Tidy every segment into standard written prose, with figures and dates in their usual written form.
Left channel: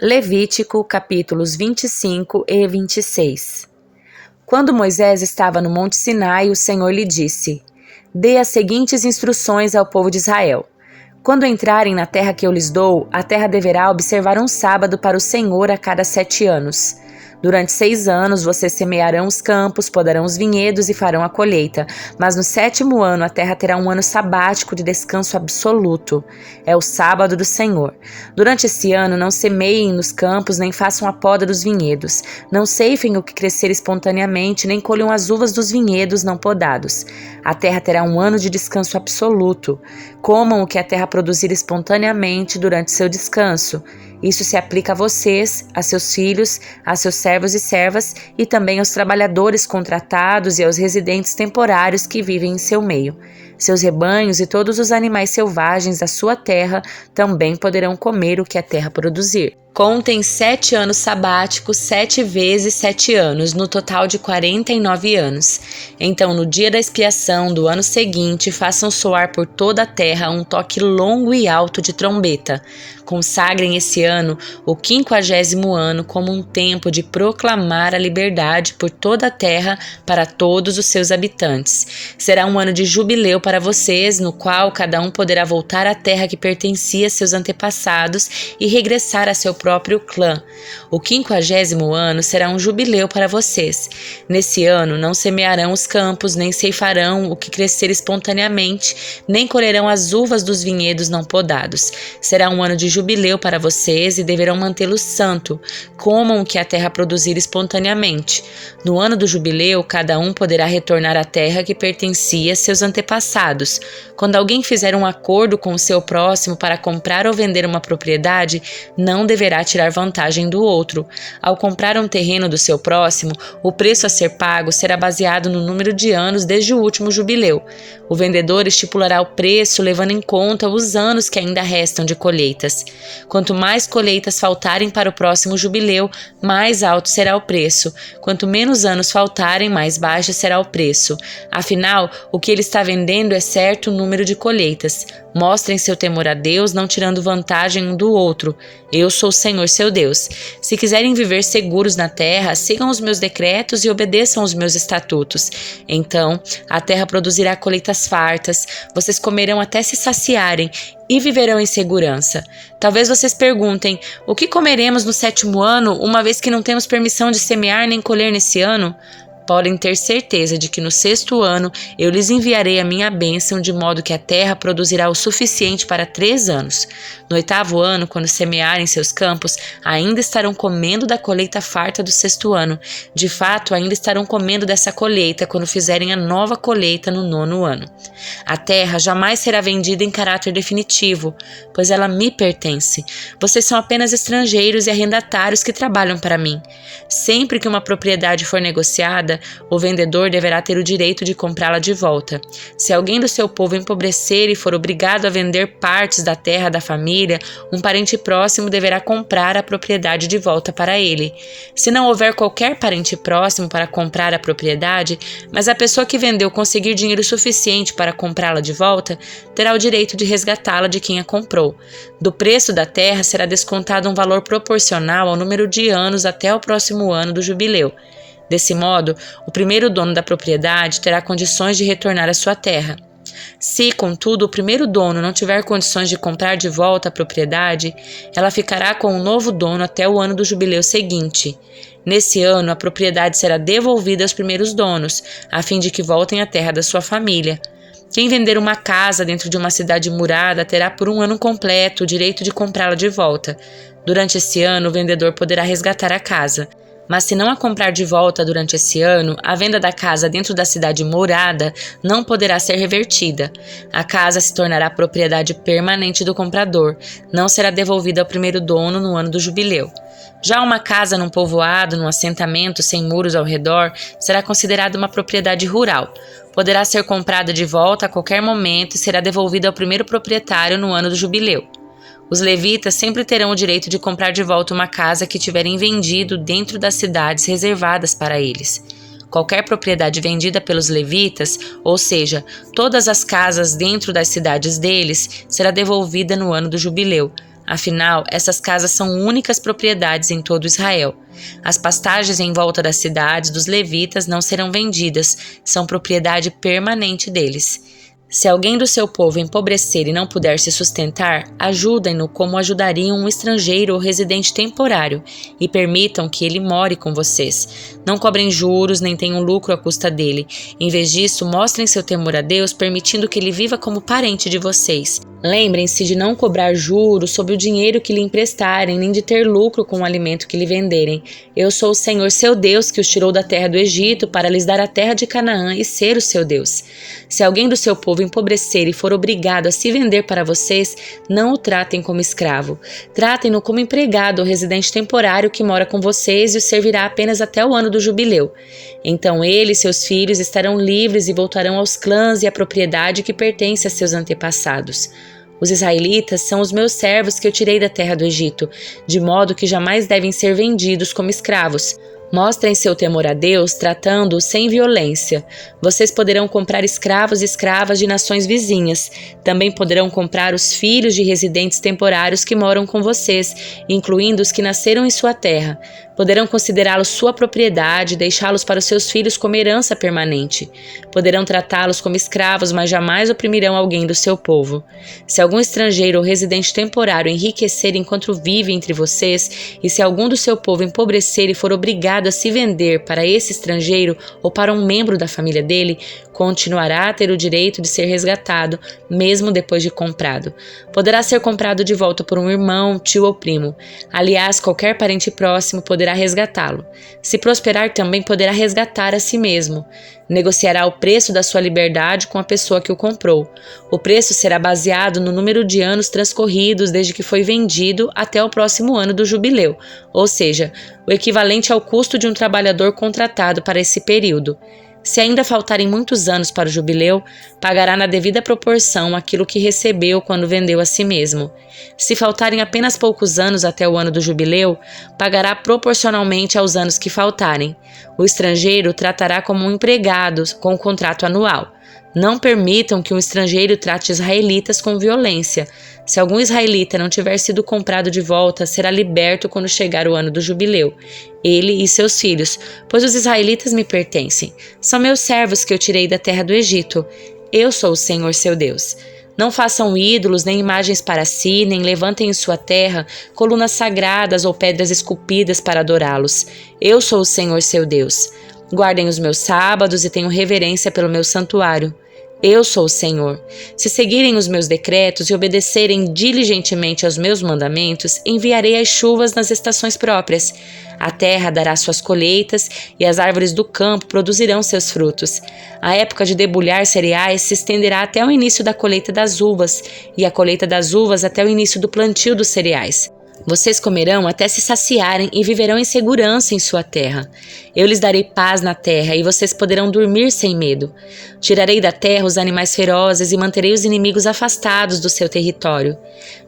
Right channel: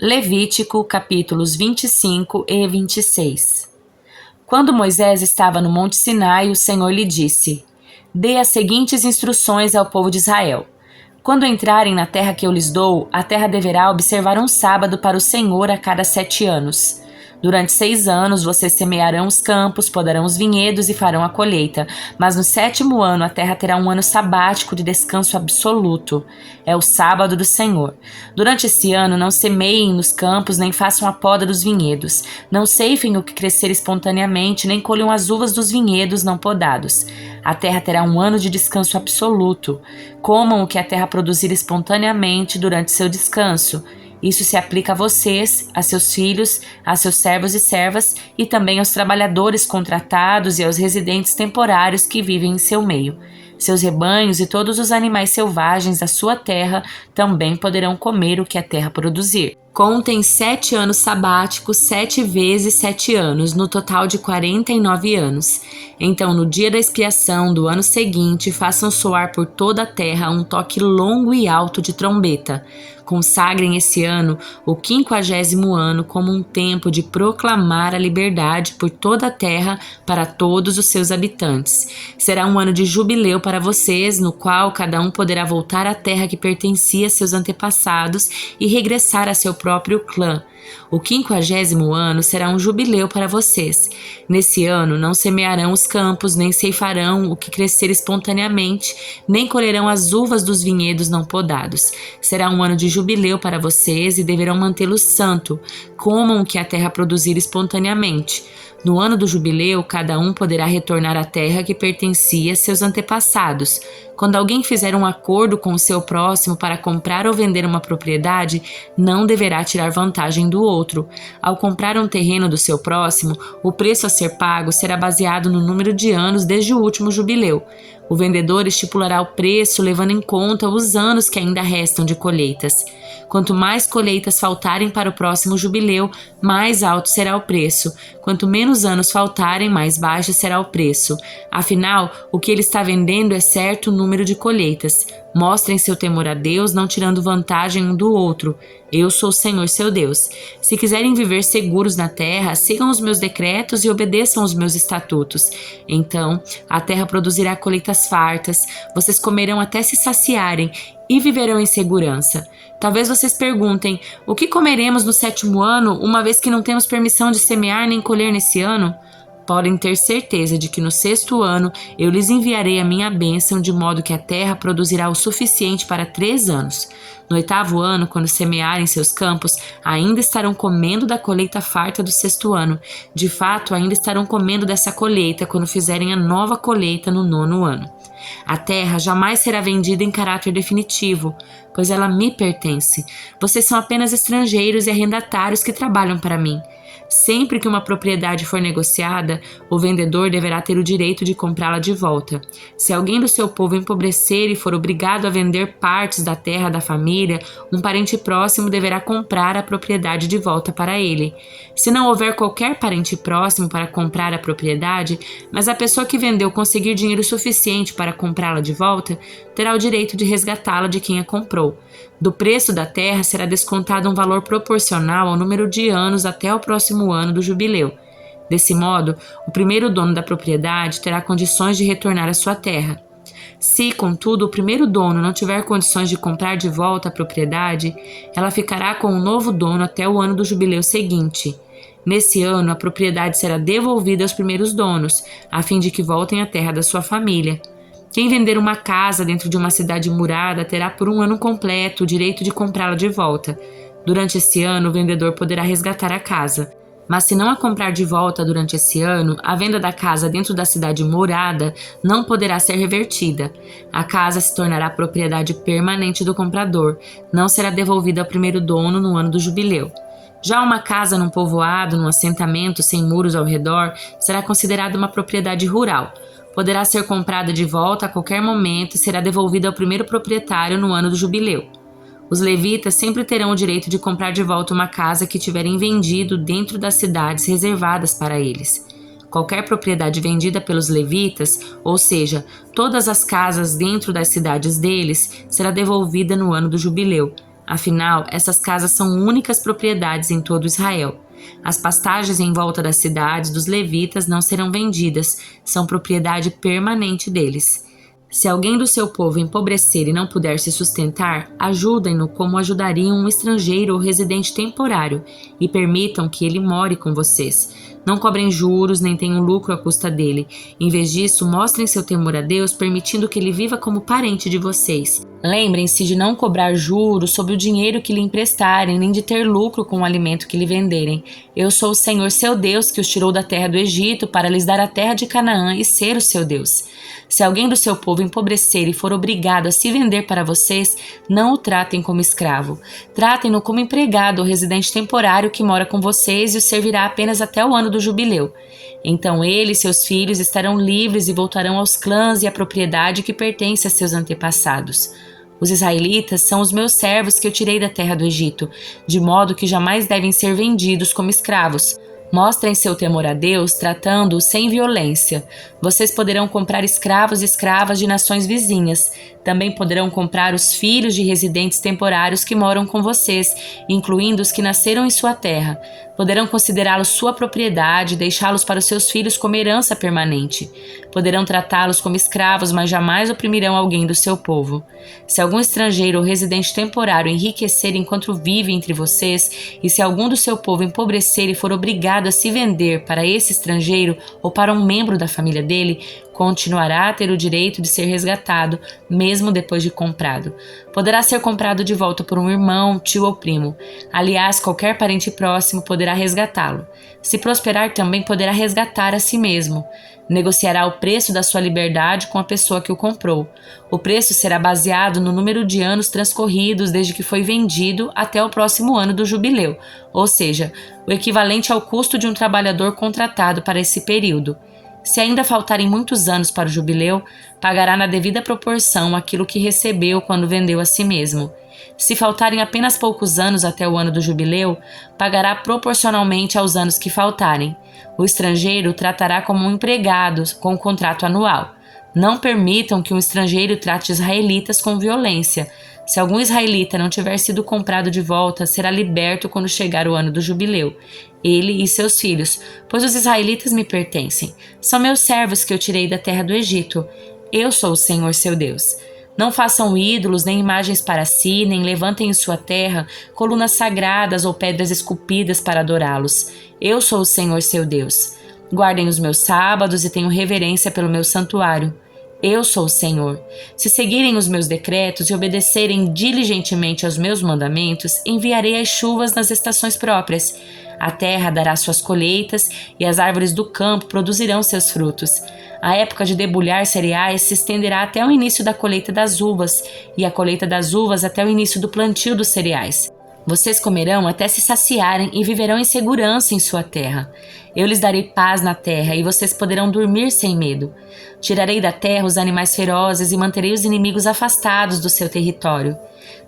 Levítico, capítulos 25 e 26. Quando Moisés estava no Monte Sinai, o Senhor lhe disse: Dê as seguintes instruções ao povo de Israel. Quando entrarem na terra que eu lhes dou, a terra deverá observar um sábado para o Senhor a cada 7 anos. Durante 6 anos vocês semearão os campos, podarão os vinhedos e farão a colheita. Mas no 7º ano a terra terá um ano sabático de descanso absoluto. É o sábado do Senhor. Durante esse ano não semeiem nos campos, nem façam a poda dos vinhedos. Não ceifem o que crescer espontaneamente, nem colham as uvas dos vinhedos não podados. A terra terá um ano de descanso absoluto. Comam o que a terra produzir espontaneamente durante seu descanso. Isso se aplica a vocês, a seus filhos, a seus servos e servas e também aos trabalhadores contratados e aos residentes temporários que vivem em seu meio. Seus rebanhos e todos os animais selvagens da sua terra também poderão comer o que a terra produzir. Contem 7 anos sabáticos, 7 vezes 7 anos, no total de 49 anos. Então, no dia da expiação do ano seguinte, façam soar por toda a terra um toque longo e alto de trombeta. Consagrem esse ano, o 50º ano, como um tempo de proclamar a liberdade por toda a terra para todos os seus habitantes. Será um ano de jubileu para vocês, no qual cada um poderá voltar à terra que pertencia a seus antepassados e regressar a seu próprio clã. O 50º ano será um jubileu para vocês. Nesse ano não semearão os campos, nem ceifarão o que crescer espontaneamente, nem colherão as uvas dos vinhedos não podados. Será um ano de jubileu para vocês e deverão mantê-lo santo. Comam o que a terra produzir espontaneamente. No ano do jubileu, cada um poderá retornar à terra que pertencia a seus antepassados. Quando alguém fizer um acordo com o seu próximo para comprar ou vender uma propriedade, não deverá tirar vantagem do outro. Ao comprar um terreno do seu próximo, o preço a ser pago será baseado no número de anos desde o último jubileu. O vendedor estipulará o preço levando em conta os anos que ainda restam de colheitas. Quanto mais colheitas faltarem para o próximo jubileu, mais alto será o preço. Quanto menos anos faltarem, mais baixo será o preço. Afinal, o que ele está vendendo é certo número de colheitas. Mostrem seu temor a Deus, não tirando vantagem um do outro. Eu sou o Senhor seu Deus. Se quiserem viver seguros na terra, sigam os meus decretos e obedeçam os meus estatutos. Então, a terra produzirá colheitas fartas, vocês comerão até se saciarem e viverão em segurança. Talvez vocês perguntem, o que comeremos no 7º ano, uma vez que não temos permissão de semear nem colher nesse ano? Podem ter certeza de que no 6º ano eu lhes enviarei a minha bênção, de modo que a terra produzirá o suficiente para 3 anos. No 8º ano, quando semearem seus campos, ainda estarão comendo da colheita farta do 6º ano. De fato, ainda estarão comendo dessa colheita quando fizerem a nova colheita no 9º ano. A terra jamais será vendida em caráter definitivo, pois ela me pertence. Vocês são apenas estrangeiros e arrendatários que trabalham para mim. Sempre que uma propriedade for negociada, o vendedor deverá ter o direito de comprá-la de volta. Se alguém do seu povo empobrecer e for obrigado a vender partes da terra da família, um parente próximo deverá comprar a propriedade de volta para ele. Se não houver qualquer parente próximo para comprar a propriedade, mas a pessoa que vendeu conseguir dinheiro suficiente para comprá-la de volta, terá o direito de resgatá-la de quem a comprou. Do preço da terra será descontado um valor proporcional ao número de anos até o próximo ano do jubileu. Desse modo, o primeiro dono da propriedade terá condições de retornar à sua terra. Se, contudo, o primeiro dono não tiver condições de comprar de volta a propriedade, ela ficará com o novo dono até o ano do jubileu seguinte. Nesse ano, a propriedade será devolvida aos primeiros donos, a fim de que voltem à terra da sua família. Quem vender uma casa dentro de uma cidade murada terá por um ano completo o direito de comprá-la de volta. Durante esse ano, o vendedor poderá resgatar a casa. Mas se não a comprar de volta durante esse ano, a venda da casa dentro da cidade murada não poderá ser revertida. A casa se tornará propriedade permanente do comprador, não será devolvida ao primeiro dono no ano do jubileu. Já uma casa num povoado, num assentamento sem muros ao redor, será considerada uma propriedade rural. Poderá ser comprada de volta a qualquer momento e será devolvida ao primeiro proprietário no ano do jubileu. Os levitas sempre terão o direito de comprar de volta uma casa que tiverem vendido dentro das cidades reservadas para eles. Qualquer propriedade vendida pelos levitas, ou seja, todas as casas dentro das cidades deles, será devolvida no ano do jubileu. Afinal, essas casas são únicas propriedades em todo Israel. As pastagens em volta das cidades dos levitas não serão vendidas, são propriedade permanente deles. Se alguém do seu povo empobrecer e não puder se sustentar, ajudem-no como ajudariam um estrangeiro ou residente temporário e permitam que ele more com vocês. Não cobrem juros nem tenham lucro à custa dele. Em vez disso, mostrem seu temor a Deus, permitindo que ele viva como parente de vocês. Lembrem-se de não cobrar juros sobre o dinheiro que lhe emprestarem, nem de ter lucro com o alimento que lhe venderem. Eu sou o Senhor seu Deus, que os tirou da terra do Egito para lhes dar a terra de Canaã e ser o seu Deus. Se alguém do seu povo empobrecer e for obrigado a se vender para vocês, não o tratem como escravo. Tratem-no como empregado ou residente temporário que mora com vocês e o servirá apenas até o ano do jubileu. Então ele e seus filhos estarão livres e voltarão aos clãs e à propriedade que pertence a seus antepassados. Os israelitas são os meus servos que eu tirei da terra do Egito, de modo que jamais devem ser vendidos como escravos. Mostrem seu temor a Deus, tratando-os sem violência. Vocês poderão comprar escravos e escravas de nações vizinhas. Também poderão comprar os filhos de residentes temporários que moram com vocês, incluindo os que nasceram em sua terra. Poderão considerá-los sua propriedade e deixá-los para os seus filhos como herança permanente. Poderão tratá-los como escravos, mas jamais oprimirão alguém do seu povo. Se algum estrangeiro ou residente temporário enriquecer enquanto vive entre vocês, e se algum do seu povo empobrecer e for obrigado a se vender para esse estrangeiro ou para um membro da família dele, continuará a ter o direito de ser resgatado, mesmo depois de comprado. Poderá ser comprado de volta por um irmão, tio ou primo. Aliás, qualquer parente próximo poderá resgatá-lo. Se prosperar, também poderá resgatar a si mesmo. Negociará o preço da sua liberdade com a pessoa que o comprou. O preço será baseado no número de anos transcorridos desde que foi vendido até o próximo ano do jubileu, ou seja, o equivalente ao custo de um trabalhador contratado para esse período. Se ainda faltarem muitos anos para o jubileu, pagará na devida proporção aquilo que recebeu quando vendeu a si mesmo. Se faltarem apenas poucos anos até o ano do jubileu, pagará proporcionalmente aos anos que faltarem. O estrangeiro tratará como um empregado com um contrato anual. Não permitam que um estrangeiro trate israelitas com violência. Se algum israelita não tiver sido comprado de volta, será liberto quando chegar o ano do jubileu, ele e seus filhos, pois os israelitas me pertencem. São meus servos que eu tirei da terra do Egito. Eu sou o Senhor seu Deus. Não façam ídolos nem imagens para si, nem levantem em sua terra colunas sagradas ou pedras esculpidas para adorá-los. Eu sou o Senhor seu Deus. Guardem os meus sábados e tenham reverência pelo meu santuário. Eu sou o Senhor. Se seguirem os meus decretos e obedecerem diligentemente aos meus mandamentos, enviarei as chuvas nas estações próprias. A terra dará suas colheitas e as árvores do campo produzirão seus frutos. A época de debulhar cereais se estenderá até o início da colheita das uvas, e a colheita das uvas até o início do plantio dos cereais. Vocês comerão até se saciarem e viverão em segurança em sua terra. Eu lhes darei paz na terra e vocês poderão dormir sem medo. Tirarei da terra os animais ferozes e manterei os inimigos afastados do seu território.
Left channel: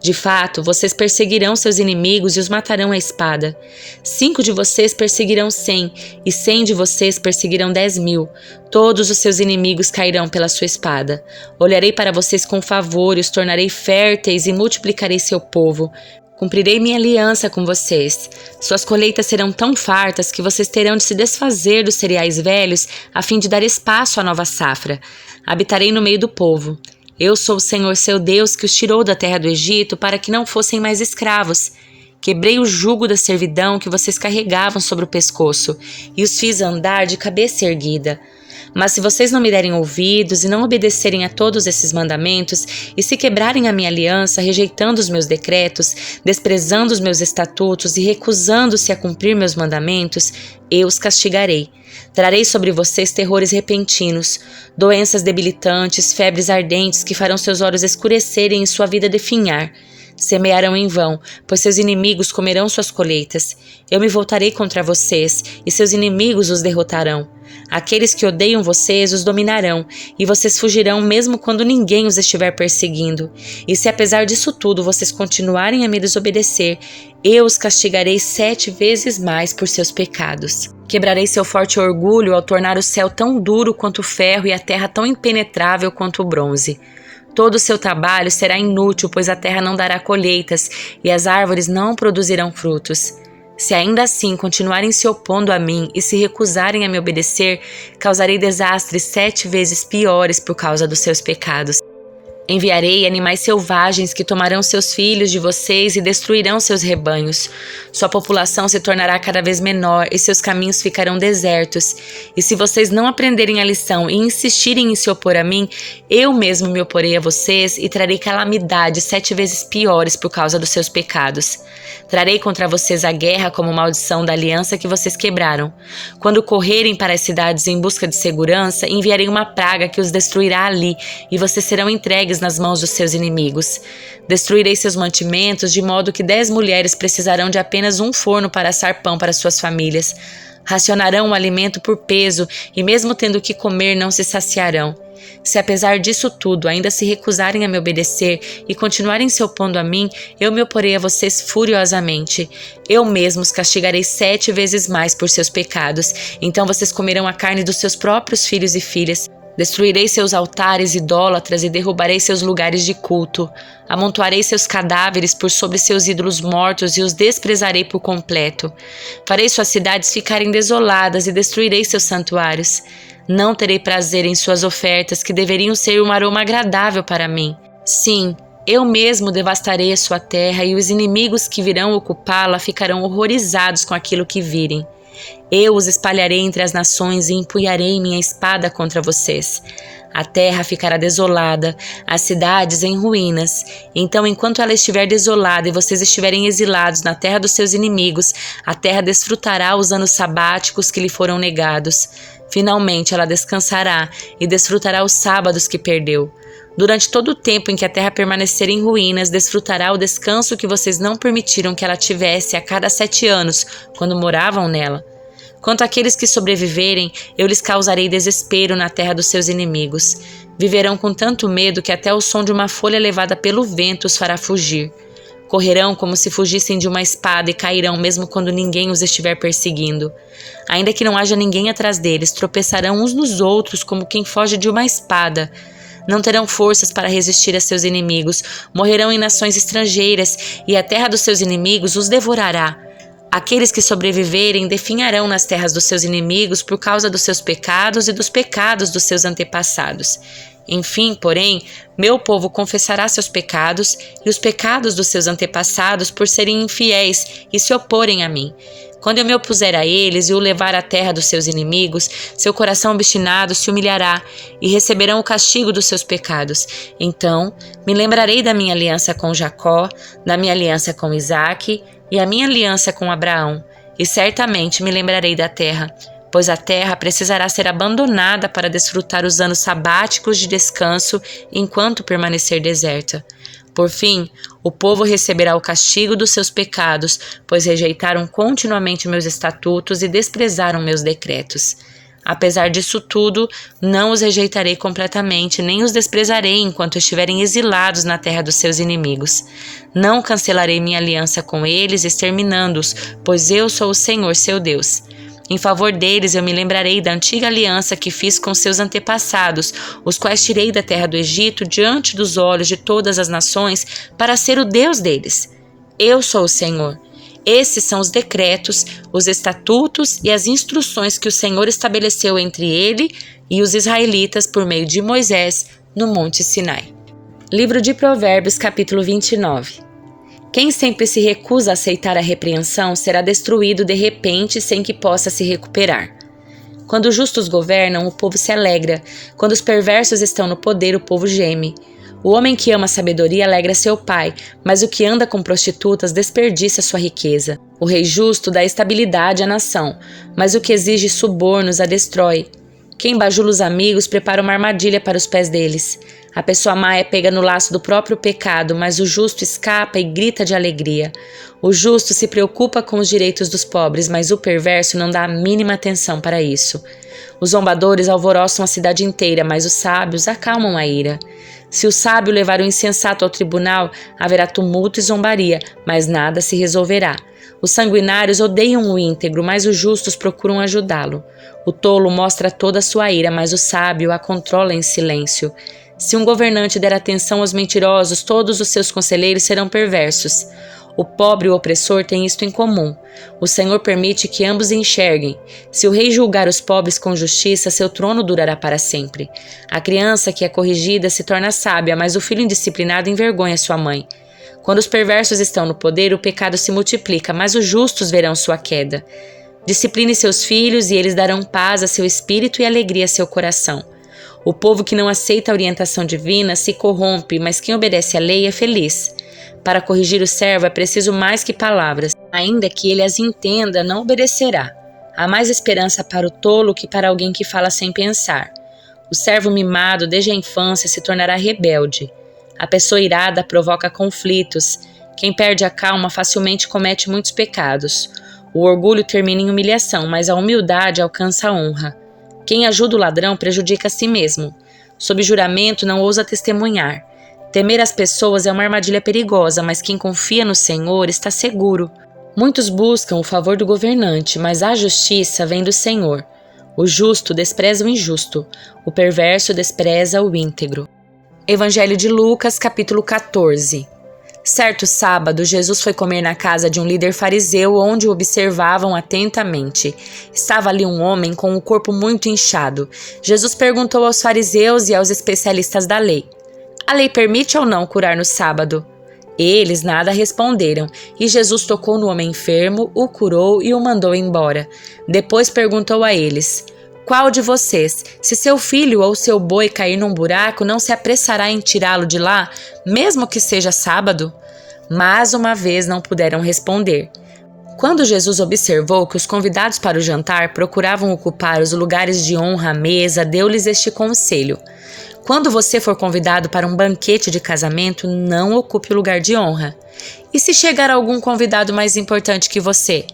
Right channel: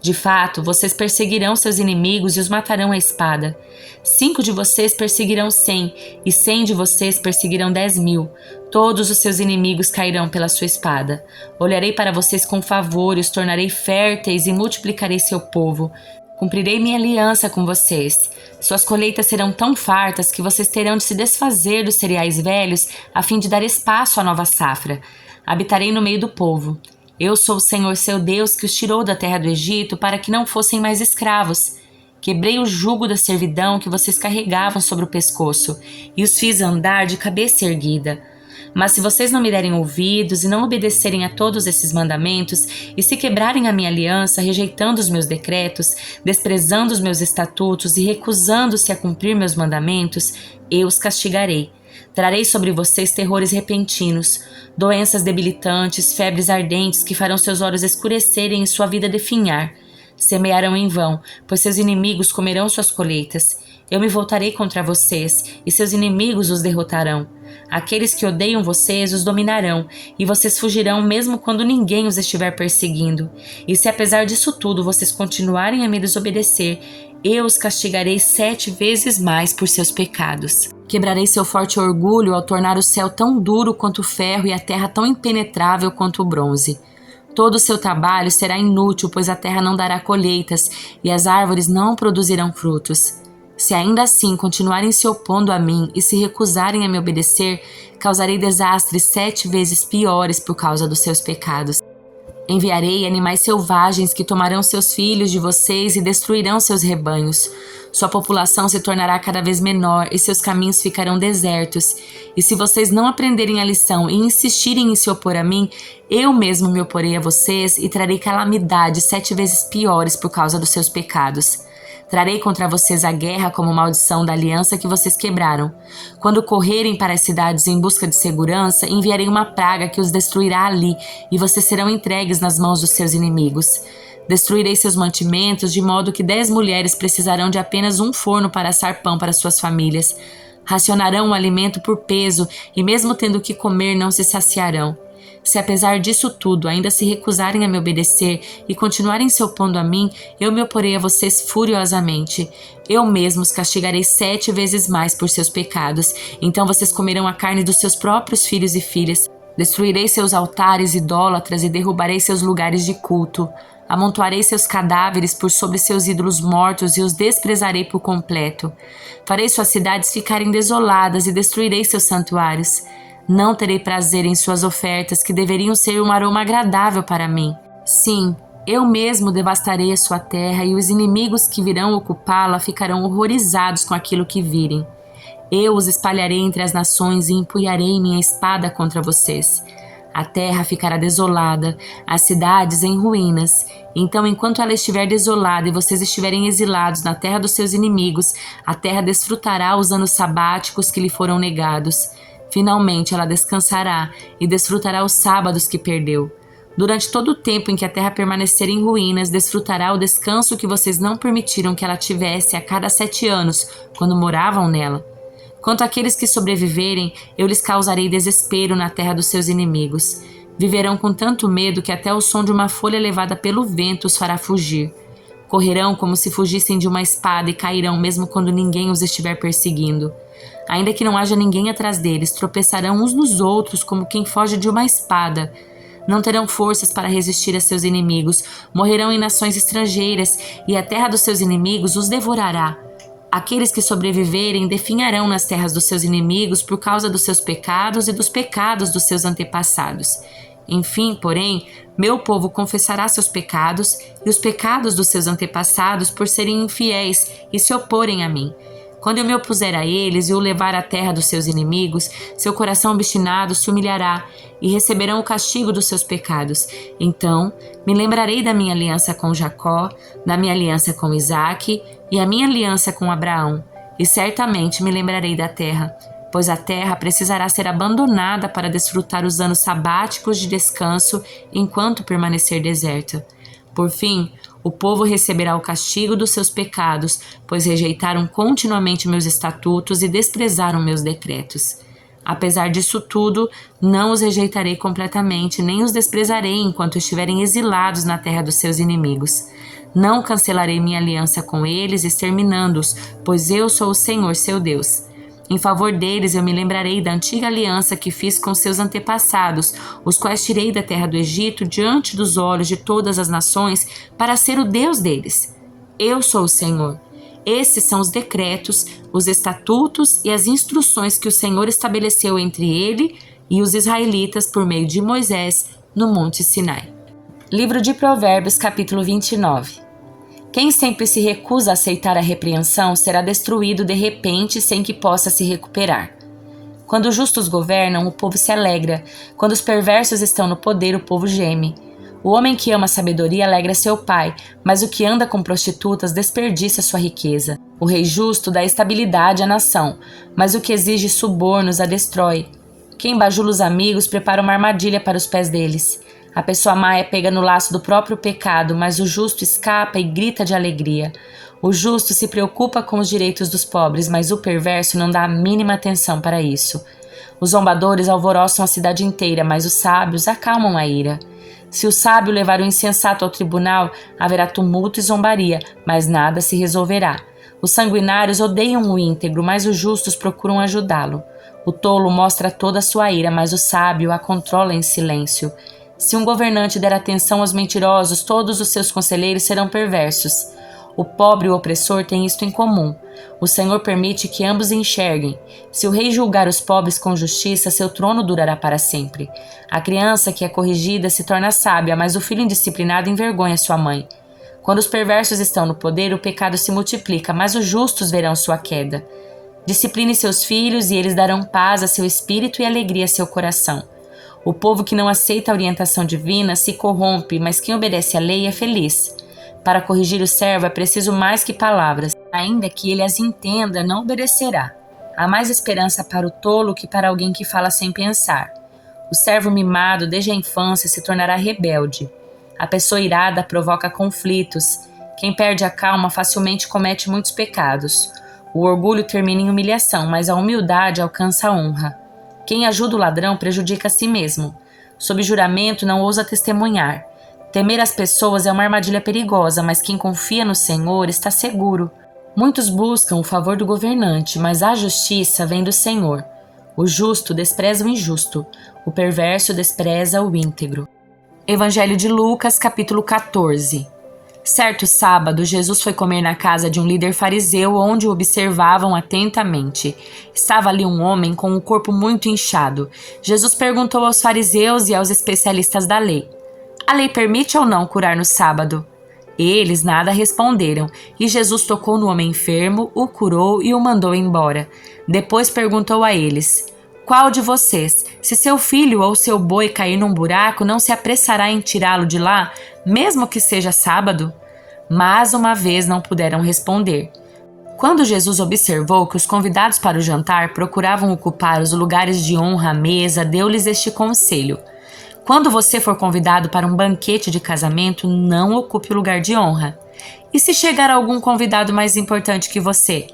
De fato, vocês perseguirão seus inimigos e os matarão à espada. 5 de vocês perseguirão 100 e 100 de vocês perseguirão 10.000. Todos os seus inimigos cairão pela sua espada. Olharei para vocês com favor e os tornarei férteis e multiplicarei seu povo. Cumprirei minha aliança com vocês. Suas colheitas serão tão fartas que vocês terão de se desfazer dos cereais velhos a fim de dar espaço à nova safra. Habitarei no meio do povo. Eu sou o Senhor seu Deus que os tirou da terra do Egito para que não fossem mais escravos. Quebrei o jugo da servidão que vocês carregavam sobre o pescoço e os fiz andar de cabeça erguida. Mas se vocês não me derem ouvidos e não obedecerem a todos esses mandamentos e se quebrarem a minha aliança, rejeitando os meus decretos, desprezando os meus estatutos e recusando-se a cumprir meus mandamentos, eu os castigarei. Trarei sobre vocês terrores repentinos, doenças debilitantes, febres ardentes que farão seus olhos escurecerem e sua vida definhar. Semearão em vão, pois seus inimigos comerão suas colheitas. Eu me voltarei contra vocês, e seus inimigos os derrotarão. Aqueles que odeiam vocês os dominarão, e vocês fugirão mesmo quando ninguém os estiver perseguindo. E se apesar disso tudo vocês continuarem a me desobedecer, eu os castigarei 7 vezes mais por seus pecados. Quebrarei seu forte orgulho ao tornar o céu tão duro quanto o ferro e a terra tão impenetrável quanto o bronze. Todo o seu trabalho será inútil, pois a terra não dará colheitas e as árvores não produzirão frutos. Se ainda assim continuarem se opondo a mim e se recusarem a me obedecer, causarei desastres 7 vezes piores por causa dos seus pecados. Enviarei animais selvagens que tomarão seus filhos de vocês e destruirão seus rebanhos. Sua população se tornará cada vez menor e seus caminhos ficarão desertos. E se vocês não aprenderem a lição e insistirem em se opor a mim, eu mesmo me oporei a vocês e trarei calamidades 7 vezes piores por causa dos seus pecados. Trarei contra vocês a guerra como maldição da aliança que vocês quebraram. Quando correrem para as cidades em busca de segurança, enviarei uma praga que os destruirá ali, e vocês serão entregues nas mãos dos seus inimigos. Destruirei seus mantimentos, de modo que 10 mulheres precisarão de apenas um forno para assar pão para suas famílias. Racionarão o alimento por peso, e mesmo tendo que comer, não se saciarão. Se apesar disso tudo ainda se recusarem a me obedecer e continuarem se opondo a mim, eu me oporei a vocês furiosamente. Eu mesmo os castigarei 7 vezes mais por seus pecados. Então vocês comerão a carne dos seus próprios filhos e filhas. Destruirei seus altares idólatras e derrubarei seus lugares de culto. Amontoarei seus cadáveres por sobre seus ídolos mortos e os desprezarei por completo. Farei suas cidades ficarem desoladas e destruirei seus santuários. Não terei prazer em suas ofertas, que deveriam ser um aroma agradável para mim. Sim, eu mesmo devastarei a sua terra e os inimigos que virão ocupá-la ficarão horrorizados com aquilo que virem. Eu os espalharei entre as nações e empunharei minha espada contra vocês. A terra ficará desolada, as cidades em ruínas. Então, enquanto ela estiver desolada e vocês estiverem exilados na terra dos seus inimigos, a terra desfrutará os anos sabáticos que lhe foram negados. Finalmente ela descansará e desfrutará os sábados que perdeu. Durante todo o tempo em que a terra permanecer em ruínas, desfrutará o descanso que vocês não permitiram que ela tivesse a cada 7 anos, quando moravam nela. Quanto àqueles que sobreviverem, eu lhes causarei desespero na terra dos seus inimigos. Viverão com tanto medo que até o som de uma folha levada pelo vento os fará fugir. Correrão como se fugissem de uma espada e cairão mesmo quando ninguém os estiver perseguindo. Ainda que não haja ninguém atrás deles, tropeçarão uns nos outros como quem foge de uma espada. Não terão forças para resistir a seus inimigos, morrerão em nações estrangeiras e a terra dos seus inimigos os devorará. Aqueles que sobreviverem definharão nas terras dos seus inimigos por causa dos seus pecados e dos pecados dos seus antepassados. Enfim, porém, meu povo confessará seus pecados e os pecados dos seus antepassados por serem infiéis e se oporem a mim. Quando eu me opuser a eles e o levar à terra dos seus inimigos, seu coração obstinado se humilhará e receberão o castigo dos seus pecados. Então, me lembrarei da minha aliança com Jacó, da minha aliança com Isaque e a minha aliança com Abraão, e certamente me lembrarei da terra, pois a terra precisará ser abandonada para desfrutar os anos sabáticos de descanso enquanto permanecer deserta. Por fim, o povo receberá o castigo dos seus pecados, pois rejeitaram continuamente meus estatutos e desprezaram meus decretos. Apesar disso tudo, não os rejeitarei completamente, nem os desprezarei enquanto estiverem exilados na terra dos seus inimigos. Não cancelarei minha aliança com eles, exterminando-os, pois eu sou o Senhor, seu Deus. Em favor deles eu me lembrarei da antiga aliança que fiz com seus antepassados, os quais tirei da terra do Egito diante dos olhos de todas as nações para ser o Deus deles. Eu sou o Senhor. Esses são os decretos, os estatutos e as instruções que o Senhor estabeleceu entre ele e os israelitas por meio de Moisés no Monte Sinai. Livro de Provérbios, capítulo 29. Quem sempre se recusa a aceitar a repreensão será destruído de repente sem que possa se recuperar. Quando os justos governam, o povo se alegra. Quando os perversos estão no poder, o povo geme. O homem que ama a sabedoria alegra seu pai, mas o que anda com prostitutas desperdiça sua riqueza. O rei justo dá estabilidade à nação, mas o que exige subornos a destrói. Quem bajula os amigos prepara uma armadilha para os pés deles. A pessoa má é pega no laço do próprio pecado, mas o justo escapa e grita de alegria. O justo se preocupa com os direitos dos pobres, mas o perverso não dá a mínima atenção para isso. Os zombadores alvoroçam a cidade inteira, mas os sábios acalmam a ira. Se o sábio levar o insensato ao tribunal, haverá tumulto e zombaria, mas nada se resolverá. Os sanguinários odeiam o íntegro, mas os justos procuram ajudá-lo. O tolo mostra toda a sua ira, mas o sábio a controla em silêncio. Se um governante der atenção aos mentirosos, todos os seus conselheiros serão perversos. O pobre e o opressor têm isto em comum. O Senhor permite que ambos enxerguem. Se o rei julgar os pobres com justiça, seu trono durará para sempre. A criança que é corrigida se torna sábia, mas o filho indisciplinado envergonha sua mãe. Quando os perversos estão no poder, o pecado se multiplica, mas os justos verão sua queda. Discipline seus filhos e eles darão paz a seu espírito e alegria a seu coração. O povo que não aceita a orientação divina se corrompe, mas quem obedece à lei é feliz. Para corrigir o servo é preciso mais que palavras. Ainda que ele as entenda, não obedecerá. Há mais esperança para o tolo que para alguém que fala sem pensar. O servo mimado desde a infância se tornará rebelde. A pessoa irada provoca conflitos. Quem perde a calma facilmente comete muitos pecados. O orgulho termina em humilhação, mas a humildade alcança a honra. Quem ajuda o ladrão prejudica a si mesmo. Sob juramento não ousa testemunhar. Temer as pessoas é uma armadilha perigosa, mas quem confia no Senhor está seguro. Muitos buscam o favor do governante, mas a justiça vem do Senhor. O justo despreza o injusto, o perverso despreza o íntegro. Evangelho de Lucas, capítulo 14. Certo sábado, Jesus foi comer na casa de um líder fariseu, onde o observavam atentamente. Estava ali um homem com o corpo muito inchado. Jesus perguntou aos fariseus e aos especialistas da lei: a lei permite ou não curar no sábado? Eles nada responderam, e Jesus tocou no homem enfermo, o curou e o mandou embora. Depois perguntou a eles: qual de vocês, se seu filho ou seu boi cair num buraco, não se apressará em tirá-lo de lá, mesmo que seja sábado? Mais uma vez não puderam responder. Quando Jesus observou que os convidados para o jantar procuravam ocupar os lugares de honra à mesa, deu-lhes este conselho: quando você for convidado para um banquete de casamento, não ocupe o lugar de honra. E se chegar algum convidado mais importante que você?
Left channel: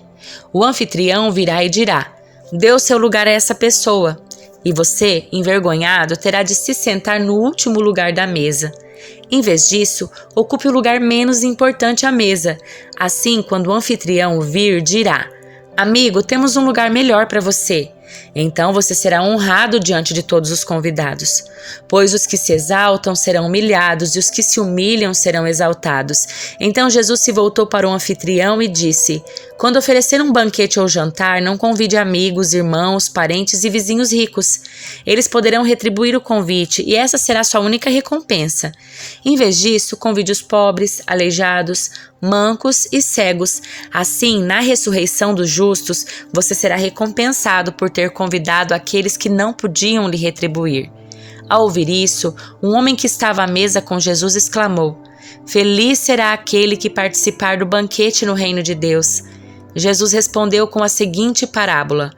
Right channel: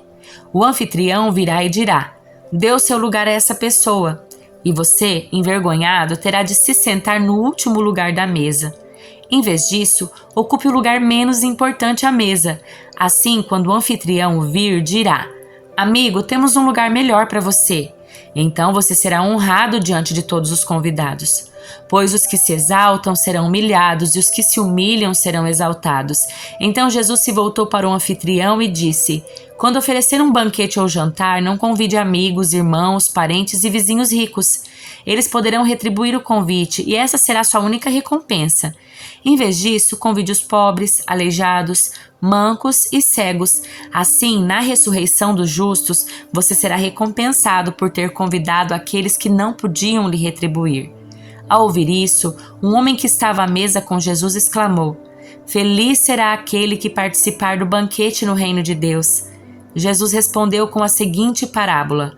O anfitrião virá e dirá: dê o seu lugar a essa pessoa. E você, envergonhado, terá de se sentar no último lugar da mesa. Em vez disso, ocupe o lugar menos importante à mesa. Assim, quando o anfitrião o vir, dirá: amigo, temos um lugar melhor para você. Então você será honrado diante de todos os convidados. Pois os que se exaltam serão humilhados e os que se humilham serão exaltados. Então Jesus se voltou para o anfitrião e disse: quando oferecer um banquete ou jantar, não convide amigos, irmãos, parentes e vizinhos ricos. Eles poderão retribuir o convite e essa será sua única recompensa. Em vez disso, convide os pobres, aleijados, mancos e cegos. Assim, na ressurreição dos justos, você será recompensado por ter convidado aqueles que não podiam lhe retribuir. Ao ouvir isso, um homem que estava à mesa com Jesus exclamou: feliz será aquele que participar do banquete no reino de Deus. Jesus respondeu com a seguinte parábola:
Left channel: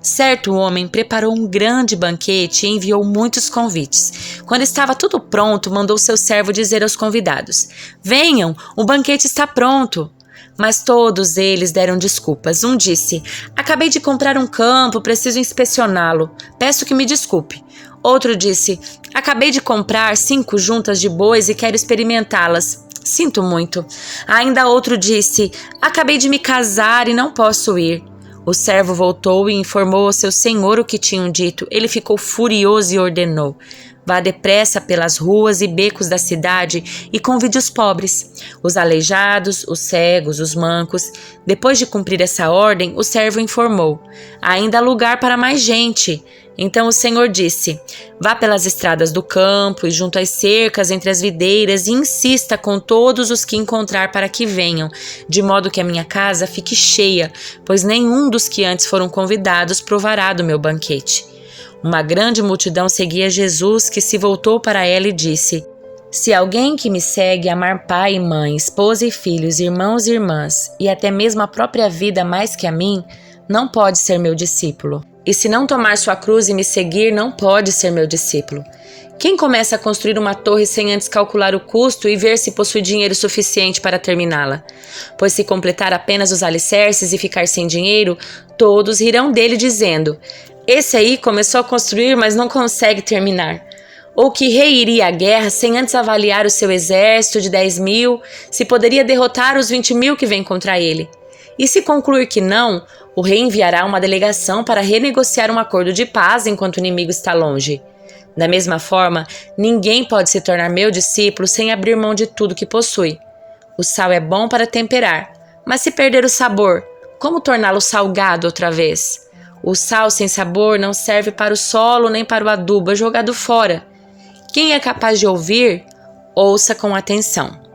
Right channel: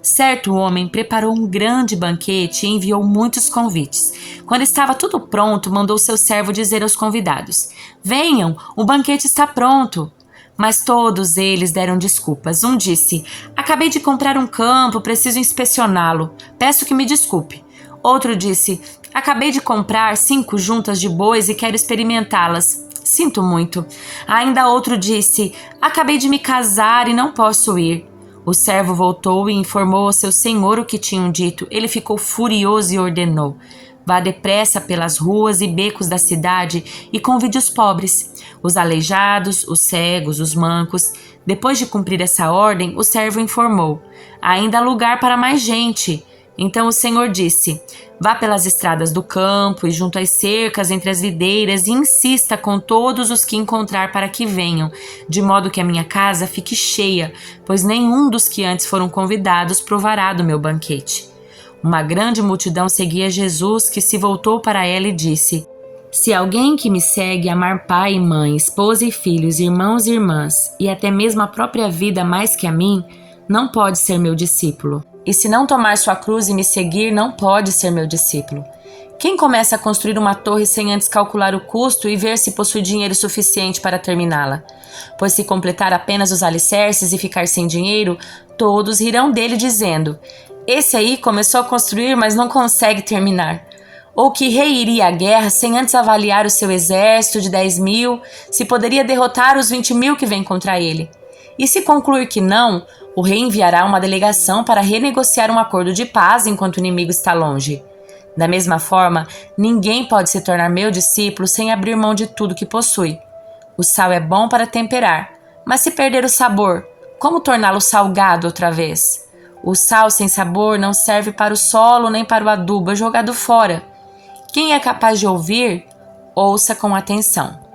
certo homem preparou um grande banquete e enviou muitos convites. Quando estava tudo pronto, mandou seu servo dizer aos convidados: venham, o banquete está pronto. Mas todos eles deram desculpas. Um disse: acabei de comprar um campo, preciso inspecioná-lo. Peço que me desculpe. Outro disse: acabei de comprar 5 juntas de bois e quero experimentá-las. Sinto muito. Ainda outro disse: acabei de me casar e não posso ir. O servo voltou e informou ao seu senhor o que tinham dito. Ele ficou furioso e ordenou: vá depressa pelas ruas e becos da cidade e convide os pobres, os aleijados, os cegos, os mancos. Depois de cumprir essa ordem, o servo informou: ainda há lugar para mais gente. Então o Senhor disse: vá pelas estradas do campo e junto às cercas entre as videiras e insista com todos os que encontrar para que venham, de modo que a minha casa fique cheia, pois nenhum dos que antes foram convidados provará do meu banquete. Uma grande multidão seguia Jesus, que se voltou para ela e disse: se alguém que me segue amar pai e mãe, esposa e filhos, irmãos e irmãs, e até mesmo a própria vida mais que a mim, não pode ser meu discípulo. E se não tomar sua cruz e me seguir, não pode ser meu discípulo. Quem começa a construir uma torre sem antes calcular o custo e ver se possui dinheiro suficiente para terminá-la? Pois se completar apenas os alicerces e ficar sem dinheiro, todos rirão dele dizendo: esse aí começou a construir, mas não consegue terminar. Ou que rei iria à guerra sem antes avaliar o seu exército de 10.000, se poderia derrotar os 20.000 que vêm contra ele? E se concluir que não, o rei enviará uma delegação para renegociar um acordo de paz enquanto o inimigo está longe. Da mesma forma, ninguém pode se tornar meu discípulo sem abrir mão de tudo que possui. O sal é bom para temperar, mas se perder o sabor, como torná-lo salgado outra vez? O sal sem sabor não serve para o solo nem para o adubo, é jogado fora. Quem é capaz de ouvir, ouça com atenção.